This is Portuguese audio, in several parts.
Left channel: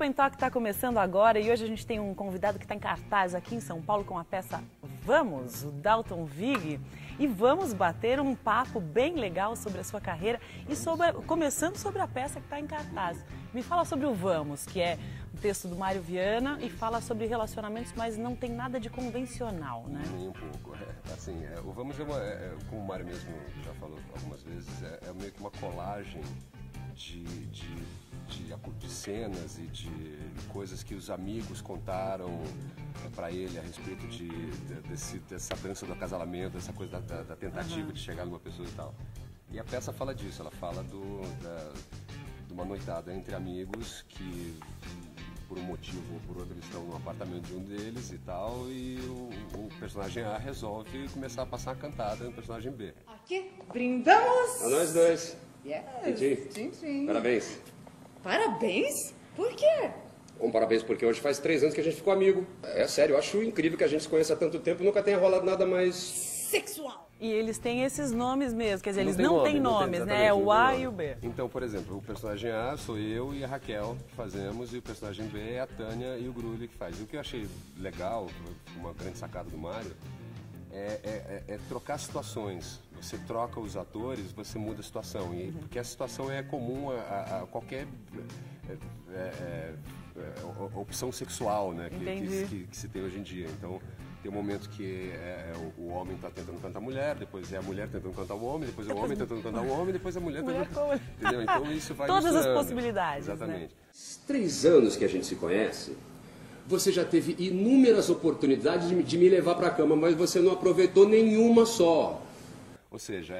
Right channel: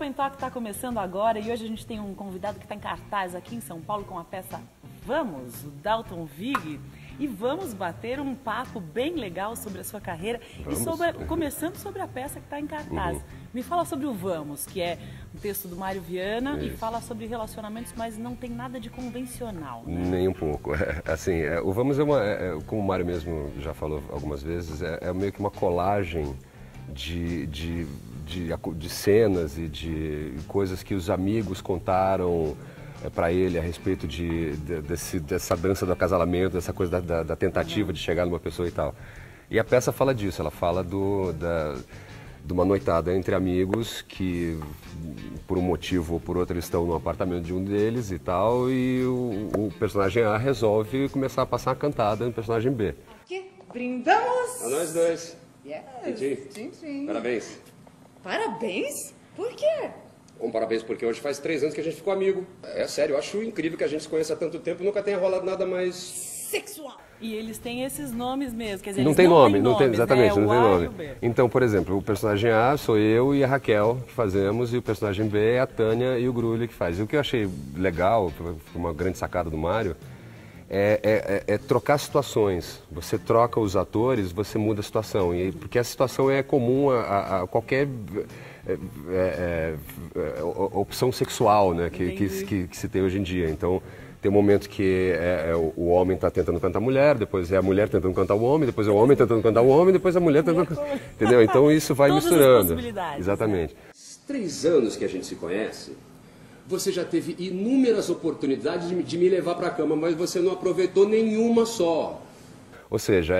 Open Talk está começando agora e hoje a gente tem um convidado que está em cartaz aqui em São Paulo com a peça Vamos, o Dalton Vig. E vamos bater um papo bem legal sobre a sua carreira e começando sobre a peça que está em cartaz. Me fala sobre o Vamos, que é um texto do Mário Viana e fala sobre relacionamentos, mas não tem nada de convencional, né? Nem um pouco. Assim, o Vamos como o Mário mesmo já falou algumas vezes, é meio que uma colagem de cenas e de coisas que os amigos contaram para ele a respeito dessa dança do acasalamento, dessa coisa da tentativa de chegar numa pessoa e tal. E a peça fala disso, ela fala de uma noitada entre amigos que, por um motivo ou por outro, eles estão no apartamento de um deles e tal, e o personagem A resolve começar a passar a cantada no personagem B. Aqui, brindamos! A nós dois. Yes. Tchim. Parabéns. Parabéns? Por quê? Parabéns, porque hoje faz 3 anos que a gente ficou amigo. É sério, eu acho incrível que a gente se conheça há tanto tempo e nunca tenha rolado nada mais... Sexual! E eles têm esses nomes mesmo, quer dizer, não eles tem não nome, têm não tem, nomes, exatamente, né? não O A tem e nome. o B. Então, por exemplo, o personagem A sou eu e a Raquel que fazemos, e o personagem B é a Tânia e o Grulli que faz. E o que eu achei legal, uma grande sacada do Mário, é trocar situações. Você troca os atores, você muda a situação. Porque a situação é comum a qualquer opção sexual, né, que se tem hoje em dia. Então, tem um momento que o homem está tentando cantar a mulher, depois é a mulher tentando cantar o homem, depois é o homem tentando cantar o homem, depois a mulher tentando cantar... Entendeu? Então, isso vai Todas misturando. as possibilidades, exatamente. Né? 3 anos que a gente se conhece, você já teve inúmeras oportunidades de me levar para a cama, mas você não aproveitou nenhuma só. Ou seja,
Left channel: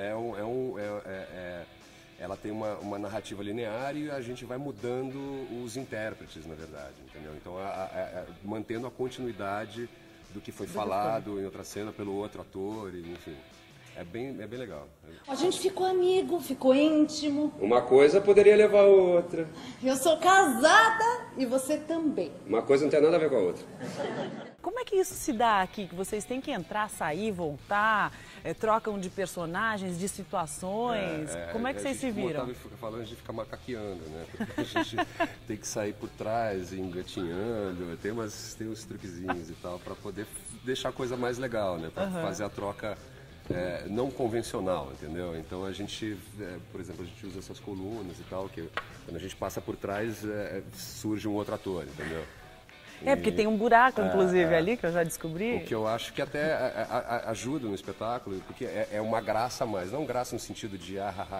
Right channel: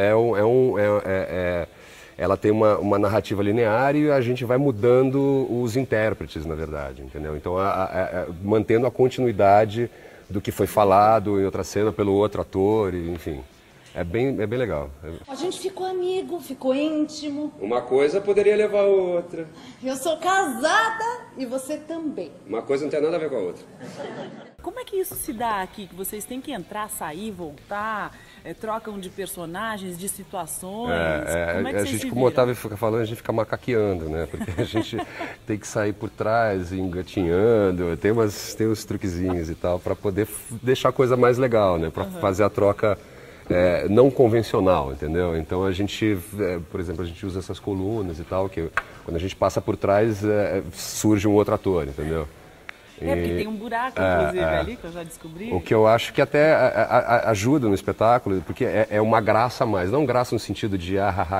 ela tem uma narrativa linear e a gente vai mudando os intérpretes, na verdade, entendeu? Então, mantendo a continuidade do que foi falado em outra cena pelo outro ator, enfim. É bem legal. A gente ficou amigo, ficou íntimo. Uma coisa poderia levar a outra. Eu sou casada e você também. Uma coisa não tem nada a ver com a outra. Como é que isso se dá aqui? Que vocês têm que entrar, sair, voltar, trocam de personagens, de situações? Como é que a vocês gente, se como o viram? Otávio fica falando, a gente fica macaqueando, né? Porque a gente tem que sair por trás, engatinhando, tem uns truquezinhos e tal, para poder deixar a coisa mais legal, né? Para fazer a troca não convencional, entendeu? Então a gente, por exemplo, a gente usa essas colunas e tal, que quando a gente passa por trás, surge um outro ator, entendeu? Porque tem um buraco, inclusive, ali, que eu já descobri. O que eu acho que até ajuda no espetáculo, porque é uma graça a mais. Não graça no sentido de,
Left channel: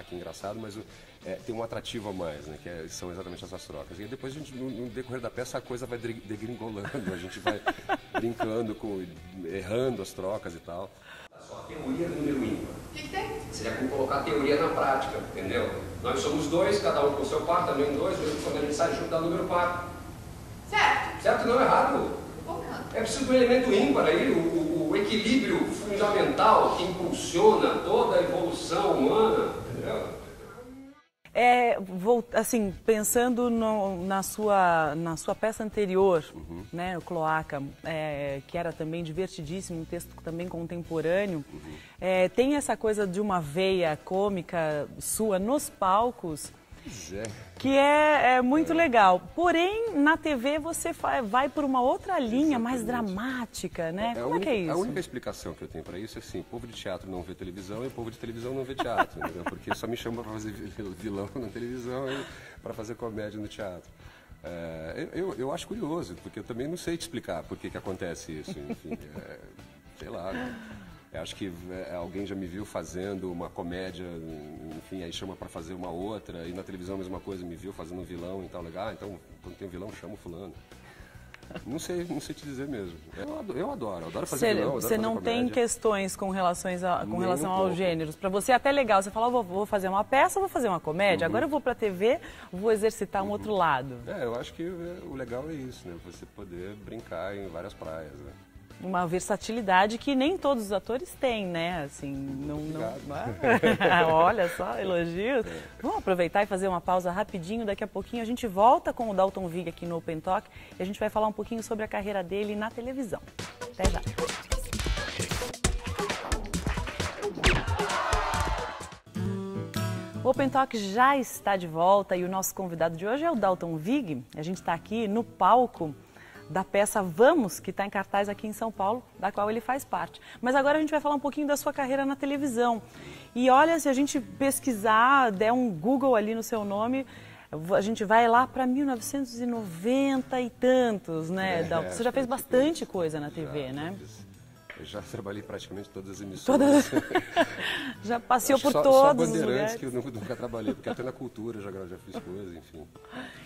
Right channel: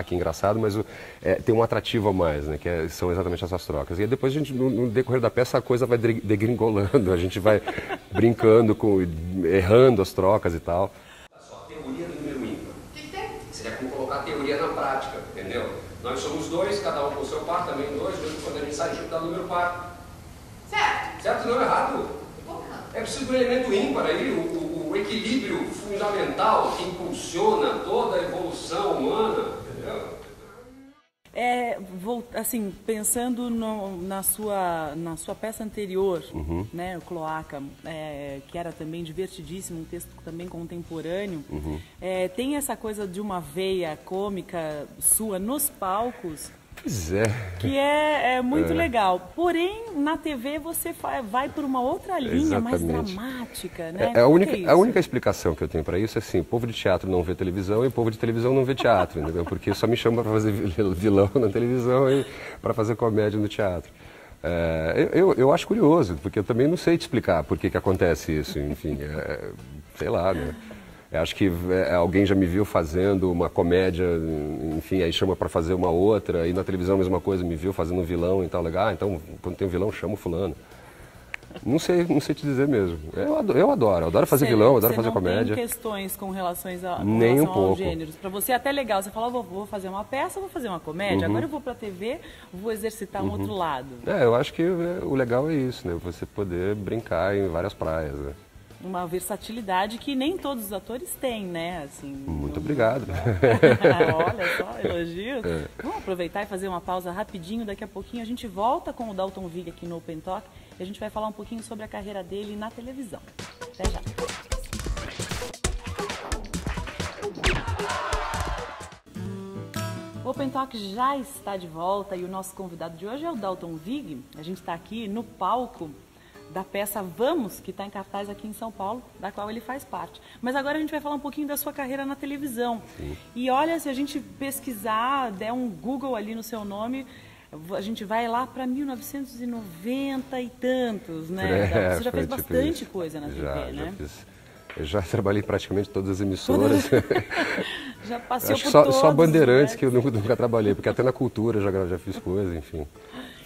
que engraçado, mas tem um atrativo a mais, né? São exatamente essas trocas. E aí depois, no decorrer da peça, a coisa vai degringolando, a gente vai brincando, errando as trocas e tal. Só teoria do número ímpar. O que tem? Seria como colocar a teoria na prática, entendeu? Nós somos 2, cada um com o seu par, também 2, mesmo quando a gente sai junto dá número par. Certo. Certo? Não, errado. Como errado? É preciso do elemento ímpar aí, o equilíbrio fundamental que impulsiona toda a evolução humana, entendeu? Assim, pensando na sua peça anterior, né, o Cloaca, que era também divertidíssimo, um texto também contemporâneo, tem essa coisa de uma veia cômica sua nos palcos, Pois que é muito legal. Porém, na TV você vai por uma outra linha mais dramática, né? A única explicação que eu tenho para isso é assim, o povo de teatro não vê televisão e o povo de televisão não vê teatro, entendeu? Porque só me chama para fazer vilão na televisão e para fazer comédia no teatro. Eu acho curioso, porque eu também não sei te explicar por que acontece isso, enfim, sei lá, né? Eu acho que alguém já me viu fazendo uma comédia, enfim, aí chama para fazer uma outra, e na televisão a mesma coisa, me viu fazendo um vilão e tal, legal, então quando tem um vilão chama o fulano. Não sei te dizer mesmo. Eu adoro fazer vilão, adoro fazer comédia. Você não tem questões com relação Nem um aos pouco. gêneros? Para você é até legal, você fala, vou fazer uma peça, vou fazer uma comédia, agora eu vou para a TV, vou exercitar um outro lado. Eu acho que o legal é isso, né? Você poder brincar em várias praias, né? Uma versatilidade que nem todos os atores têm, né? Assim, Muito obrigado. Olha só, elogios. Vamos aproveitar e fazer uma pausa rapidinho. Daqui a pouquinho a gente volta com o Dalton Vig aqui no Open Talk e a gente vai falar um pouquinho sobre a carreira dele na televisão. Até já. O Open Talk Talk já está de volta e o nosso convidado de hoje é o Dalton Vig. A gente está aqui no palco da peça Vamos, que está em cartaz aqui em São Paulo, da qual ele faz parte. Mas agora a gente vai falar um pouquinho da sua carreira na televisão. E olha, se a gente pesquisar, der um Google ali no seu nome, a gente vai lá para 1990 e tantos, né? Você já fez bastante coisa na TV, né? Eu já trabalhei praticamente todas as emissoras. Já passei por todas. Só todos, Bandeirantes, né? que eu nunca trabalhei, porque até na cultura já fiz coisa, enfim.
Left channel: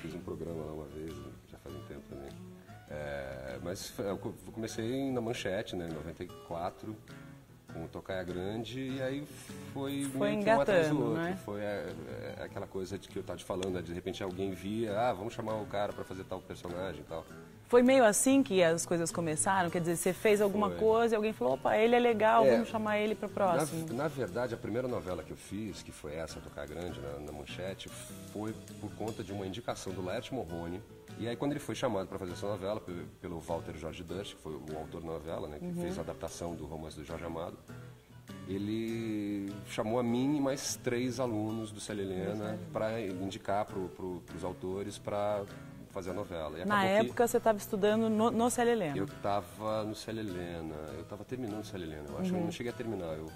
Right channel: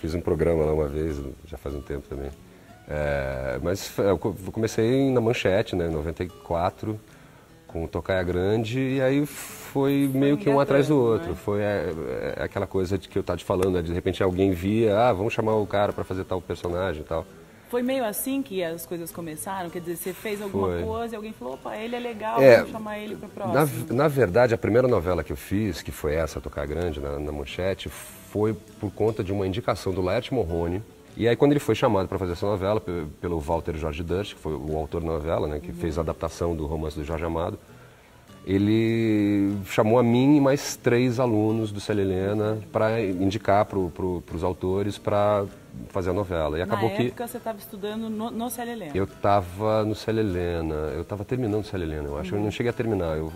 Fiz um programa lá uma vez, já faz um tempo também. Mas eu comecei na Manchete, né, em 94, com o Tocaia Grande, e aí foi meio que um atrás do outro. Né? Foi aquela coisa de que eu estava te falando, né, de repente alguém via, vamos chamar o cara para fazer tal personagem e tal. Foi meio assim que as coisas começaram? Quer dizer, você fez alguma coisa e alguém falou, opa, ele é legal, vamos chamar ele para o próximo. Na verdade, a primeira novela que eu fiz, que foi essa, Tocaia Grande, na Manchete, foi por conta de uma indicação do Laerte Morrone. E aí, quando ele foi chamado para fazer essa novela, pelo Walter Jorge Durst, que foi o autor da novela, né, que fez a adaptação do romance do Jorge Amado, ele chamou a mim e mais 3 alunos do Célia Helena para indicar para os autores para fazer a novela. E acabou Na época você estava estudando no Célia Helena? Eu estava no Célia Helena, eu estava terminando o Célia Helena, eu acho. Eu não cheguei a terminar, eu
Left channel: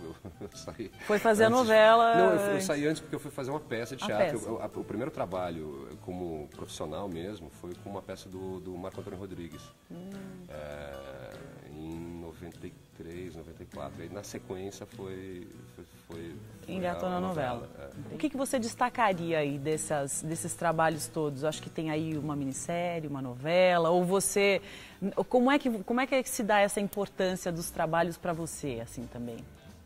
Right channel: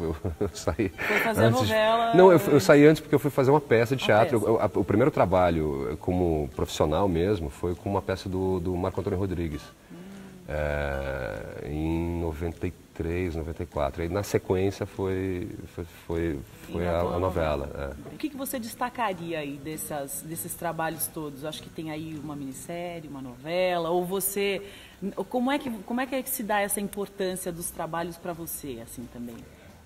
saí... Foi fazer a novela... Não, eu saí antes porque eu fui fazer uma peça de teatro. O primeiro trabalho como profissional mesmo foi com uma peça do Marco Antônio Rodrigues. Em 93, 94. Aí na sequência foi a novela. O que você destacaria aí desses trabalhos todos? Acho que tem aí uma minissérie, uma novela, ou você... Como é que se dá essa importância dos trabalhos para você, assim, também?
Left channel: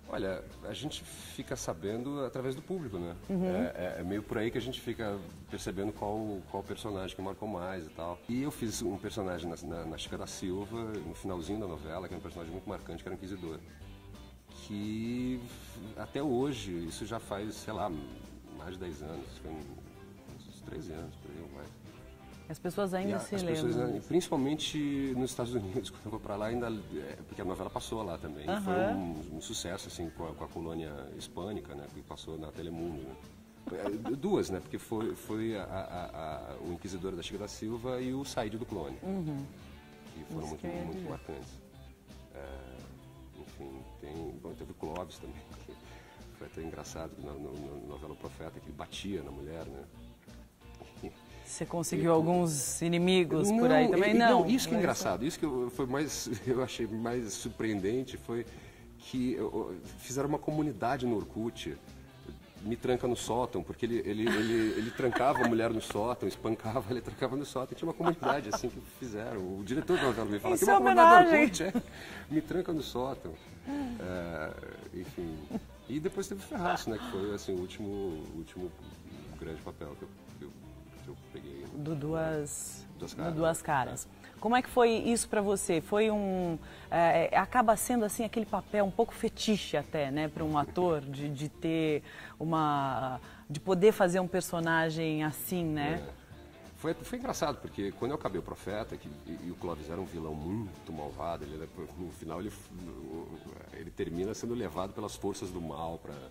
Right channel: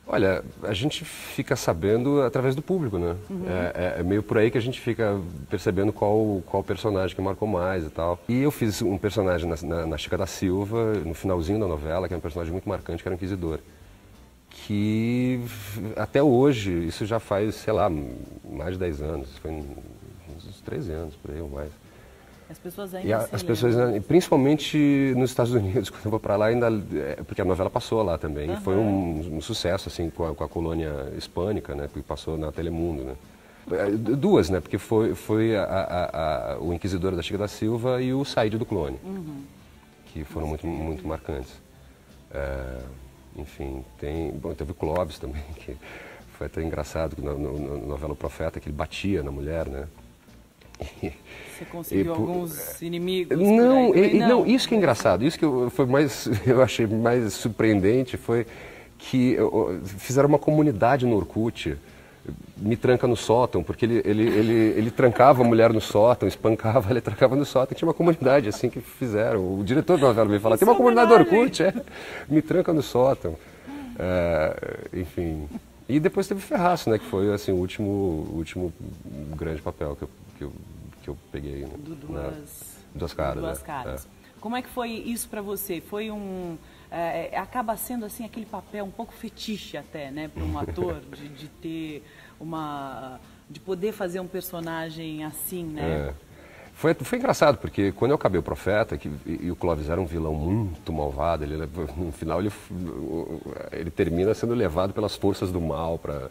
Olha, a gente fica sabendo através do público, né? É meio por aí que a gente fica percebendo qual personagem que marcou mais e tal. E eu fiz um personagem na Chica da Silva, no finalzinho da novela, que é um personagem muito marcante, que era o Inquisidor. Que até hoje, isso já faz, sei lá, mais de 10 anos, foi uns 13 anos, por aí ou mais. As pessoas ainda as pessoas, principalmente nos Estados Unidos, quando eu vou para lá, porque a novela passou lá também. Foi um sucesso, assim, com a colônia hispânica, né, que passou na Telemundo, né. 2, né, porque foi o Inquisidor da Chica da Silva e o Saíde do Clone, que foram muito marcantes. Enfim, teve o Clóvis também, que foi até engraçado, na novela O Profeta, que ele batia na mulher, né. Você conseguiu alguns inimigos? Não, isso que é engraçado, isso que eu achei mais surpreendente foi que fizeram uma comunidade no Orkut, Me Tranca no Sótão, porque ele trancava a mulher no sótão, espancava, ele trancava no sótão, tinha uma comunidade assim que fizeram. O diretor da novela me falou, tem uma comunidade do Orkut, Me Tranca no Sótão. Enfim. E depois teve Ferraço, né, que foi assim, o último grande papel que eu peguei. Né? Duas Caras. Como é que foi isso para você? Foi acaba sendo assim aquele papel um pouco fetiche até, né, para um ator de ter de poder fazer um personagem assim, né? Foi engraçado, porque quando eu acabei o Profeta, e o Clóvis era um vilão muito malvado, no final ele termina sendo levado pelas forças do mal para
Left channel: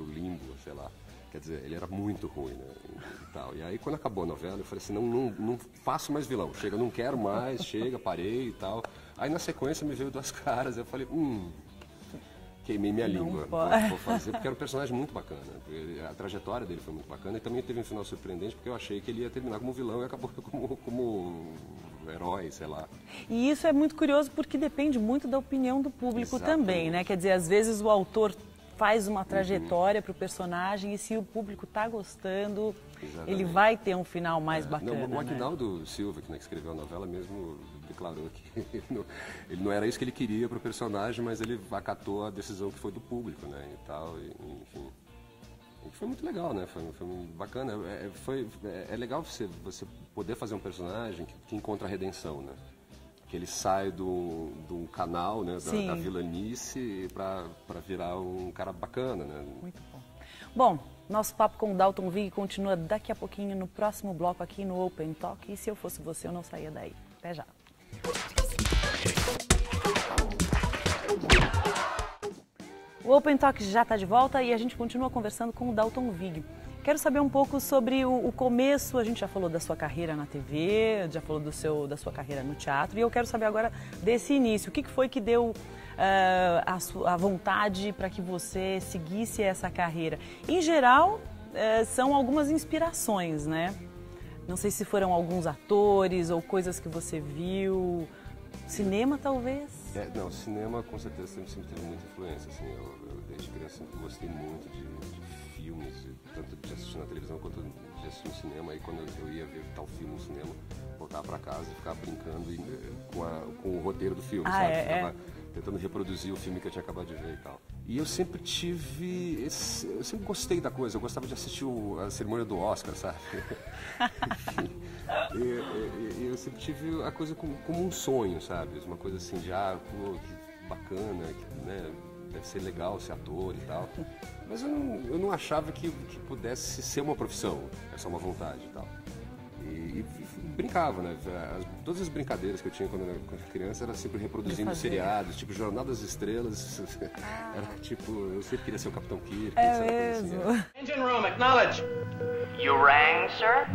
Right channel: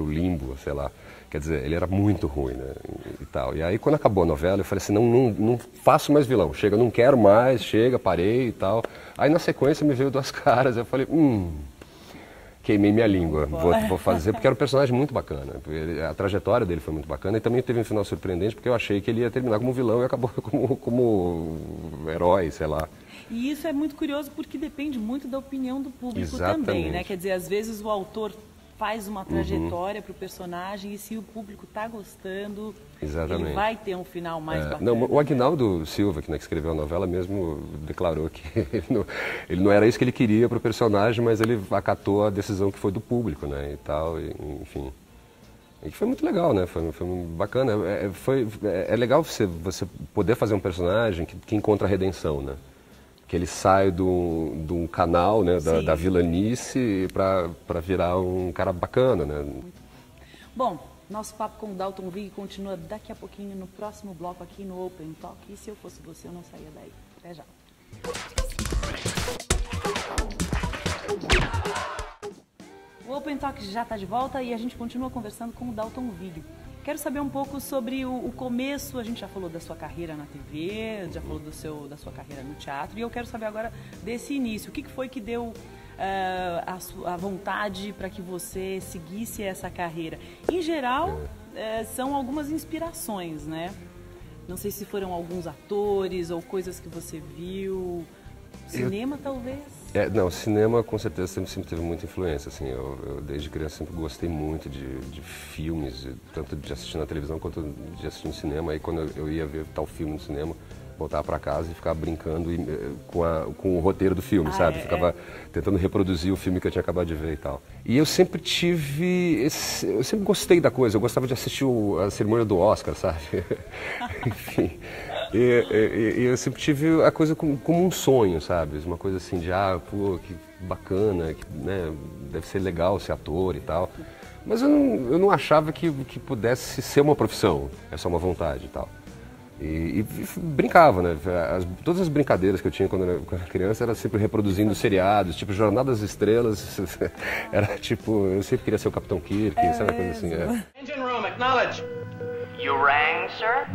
o limbo, sei lá. Quer dizer, ele era muito ruim, né, e tal. E aí, quando acabou a novela, eu falei assim, não faço mais vilão. Chega, não quero mais, chega, parei e tal. Aí, na sequência, me veio Duas Caras. Eu falei, queimei minha língua. Vou fazer, porque era um personagem muito bacana. A trajetória dele foi muito bacana. E também teve um final surpreendente, porque eu achei que ele ia terminar como vilão e acabou como herói, sei lá. E isso é muito curioso, porque depende muito da opinião do público também, né? Quer dizer, às vezes o autor faz uma trajetória para o personagem e se o público está gostando, ele vai ter um final mais bacana. Não, o Aguinaldo Silva, que escreveu a novela, mesmo declarou que ele não era isso que ele queria para o personagem, mas ele acatou a decisão que foi do público, né, e tal, enfim. E foi muito legal, né, foi bacana. É legal você poder fazer um personagem que encontra a redenção, né. Que ele sai de um canal, né, da vilanice para virar um cara bacana, né? Muito bom. Bom, nosso papo com o Dalton Vig continua daqui a pouquinho no próximo bloco aqui no Open Talk. E se eu fosse você, eu não saía daí. Até já. O Open Talk já está de volta e a gente continua conversando com o Dalton Vig. Quero saber um pouco sobre o começo. A gente já falou da sua carreira na TV, já falou da sua carreira no teatro, e eu quero saber agora desse início. O que foi que deu a vontade para que você seguisse essa carreira? Em geral, são algumas inspirações, né? Não sei se foram alguns atores ou coisas que você viu. Cinema, talvez? Não, cinema com certeza sempre teve muita influência, assim, eu desde criança sempre gostei muito de filmes, tanto de assistir na televisão quanto de assistir no cinema. Aí quando eu ia ver tal filme no cinema, voltava para casa e ficava brincando com o roteiro do filme, sabe? Ficava tentando reproduzir o filme que eu tinha acabado de ver e tal. E eu sempre eu sempre gostei da coisa, eu gostava de assistir a cerimônia do Oscar, sabe? Enfim, e eu sempre tive a coisa como um sonho, sabe? Uma coisa assim de, pô, que bacana, né? Deve ser legal ser ator e tal. Mas eu não achava que pudesse ser uma profissão, é só uma vontade e tal. E brincava, né? Todas as brincadeiras que eu tinha quando eu era criança era sempre reproduzindo seriados, tipo Jornada das Estrelas. Era tipo, eu sempre queria ser o Capitão Kirk, sabe uma coisa assim. Engine room, acknowledge. You rang, sir?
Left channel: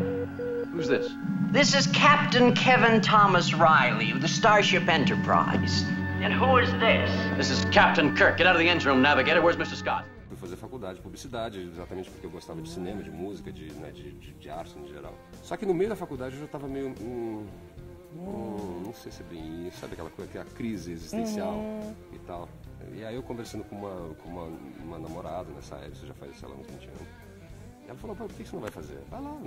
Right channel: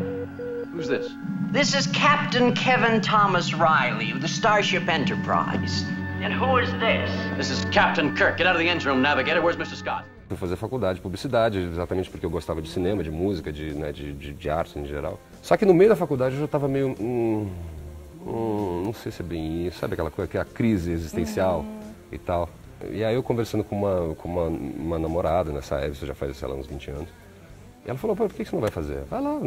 Who's this? This is Captain Kevin Thomas Riley of the Starship Enterprise. And who is this? This is Captain Kirk. Get out of the engine room, navigator. Where's Mr. Scott? Fui fazer faculdade de publicidade, exatamente porque eu gostava de cinema, de música, de arte em geral. Só que no meio da faculdade eu já estava meio... não sei se é bem isso, sabe aquela coisa, que é a crise existencial e tal. E aí eu conversando com uma namorada nessa época, isso já faz, sei lá, uns 20 anos. E ela falou, pô, por que você não vai fazer? Vai lá,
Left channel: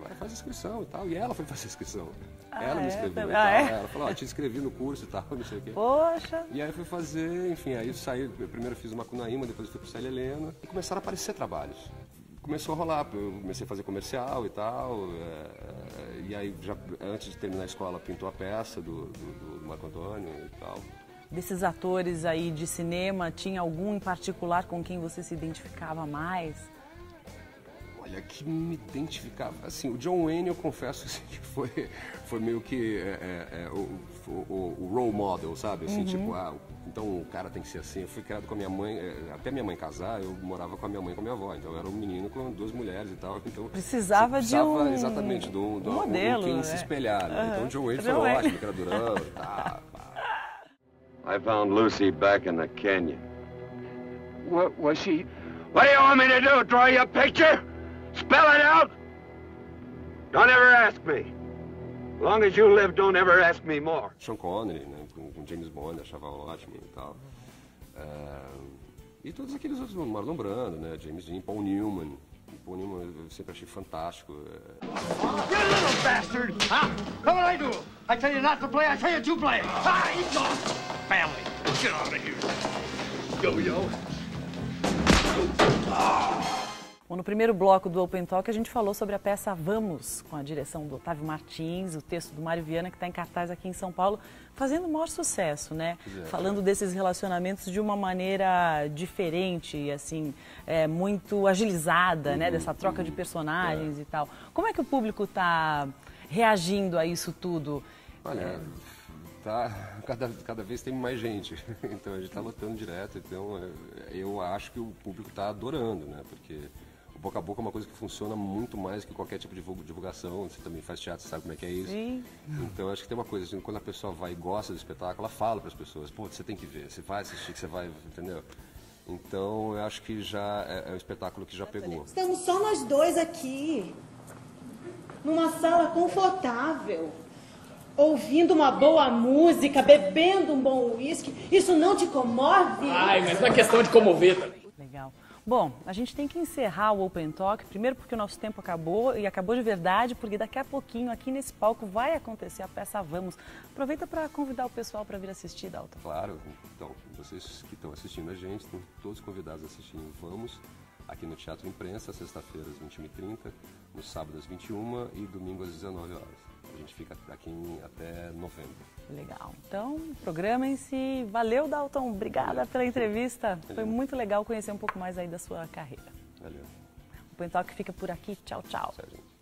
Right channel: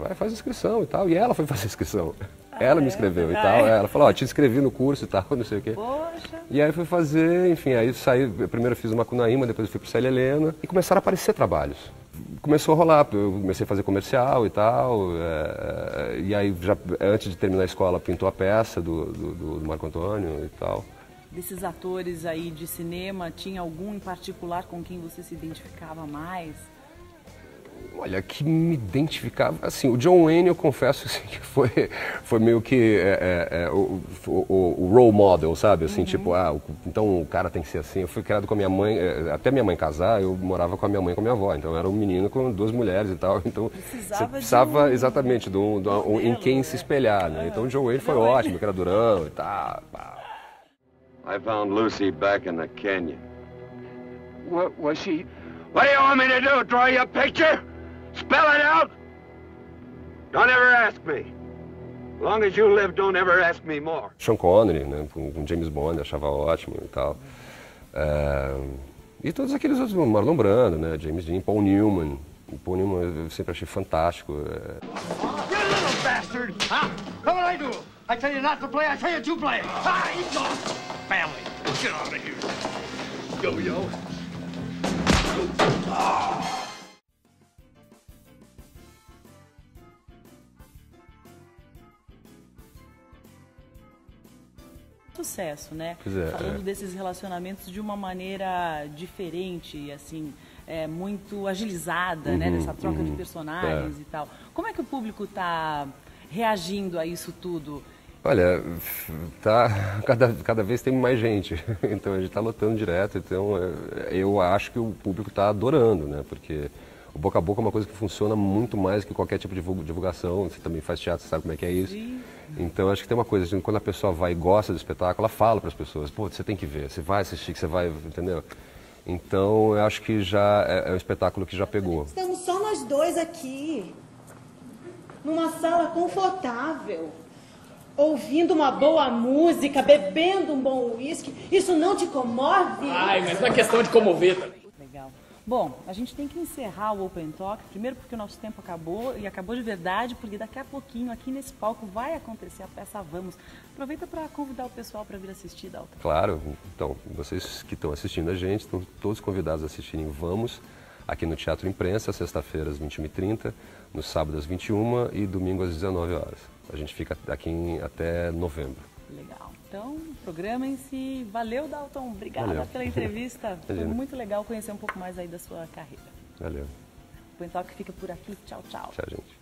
vai, faz inscrição e tal. E ela foi fazer inscrição. Ela me inscreveu e tal. Ela falou, te inscrevi no curso e tal, não sei o quê. Poxa! E aí fui fazer, enfim, aí saí, primeiro eu fiz uma Macunaíma, depois eu fui pro Célia Helena. E começaram a aparecer trabalhos. Começou a rolar, eu comecei a fazer comercial e tal. E aí, já antes de terminar a escola, pintou a peça do Marco Antônio e tal. Desses atores aí de cinema, tinha algum em particular com quem você se identificava mais? Olha, que me identificava, assim, o John Wayne, eu confesso assim, que foi meio que o role model, sabe? Assim, tipo, então o cara tem que ser assim. Eu fui criado com a minha mãe, até minha mãe casar, eu morava com a minha mãe e com a minha avó. Então eu era um menino com duas mulheres e tal. Então precisava exatamente em quem se espelhar, né? Então o John Wayne foi ótimo, que era durão e tal. I found Lucy back in the canyon. What was she? What do you want me to do? Draw you a picture? Spell it out? Don't ever ask me. As long as you live, don't ever ask me more. Sean Connery, né, com James Bond, achava ótimo e tal. E todos aqueles outros, Marlon Brando, né, James Dean, Paul Newman. Paul Newman eu sempre achei fantástico. You little bastard! Huh? What I do? I tell you not to play, I tell you to play. Ah, he's gone. Family, get out of here. Yo-yo. Bom, no primeiro bloco do Open Talk a gente falou sobre a peça Vamos, com a direção do Otávio Martins, o texto do Mário Viana, que está em cartaz aqui em São Paulo, fazendo o maior sucesso, né? Falando desses relacionamentos de uma maneira diferente, assim, muito agilizada, né? Dessa troca de personagens e tal. Como é que o público está reagindo a isso tudo? Olha, cada vez tem mais gente, então a gente está lotando direto, então eu acho que o público está adorando, né? Porque o boca a boca é uma coisa que funciona muito mais que qualquer tipo de divulgação. Você também faz teatro, você sabe como é que é isso. Então acho que tem uma coisa, assim, quando a pessoa vai e gosta do espetáculo, ela fala para as pessoas, pô, você tem que ver, você vai assistir, que você vai, entendeu? Então eu acho que já é um espetáculo que já pegou. Estamos só nós dois aqui, numa sala confortável, ouvindo uma boa música, bebendo um bom uísque. Isso não te comove? Ai, mas não é questão de comover também. Legal. Bom, a gente tem que encerrar o Open Talk, primeiro porque o nosso tempo acabou, e acabou de verdade, porque daqui a pouquinho, aqui nesse palco, vai acontecer a peça Vamos. Aproveita para convidar o pessoal para vir assistir, Dalton. Claro, então, vocês que estão assistindo a gente, estão todos convidados a assistirem Vamos, aqui no Teatro Imprensa, sexta-feira às 21h30, no sábado às 21h e domingo às 19h. A gente fica aqui até novembro. Legal. Então, programem-se. Valeu, Dalton. Obrigada pela entrevista. Foi muito legal conhecer um pouco mais aí da sua carreira. Valeu. O Open Talk fica por aqui. Tchau, tchau. Tchau, gente.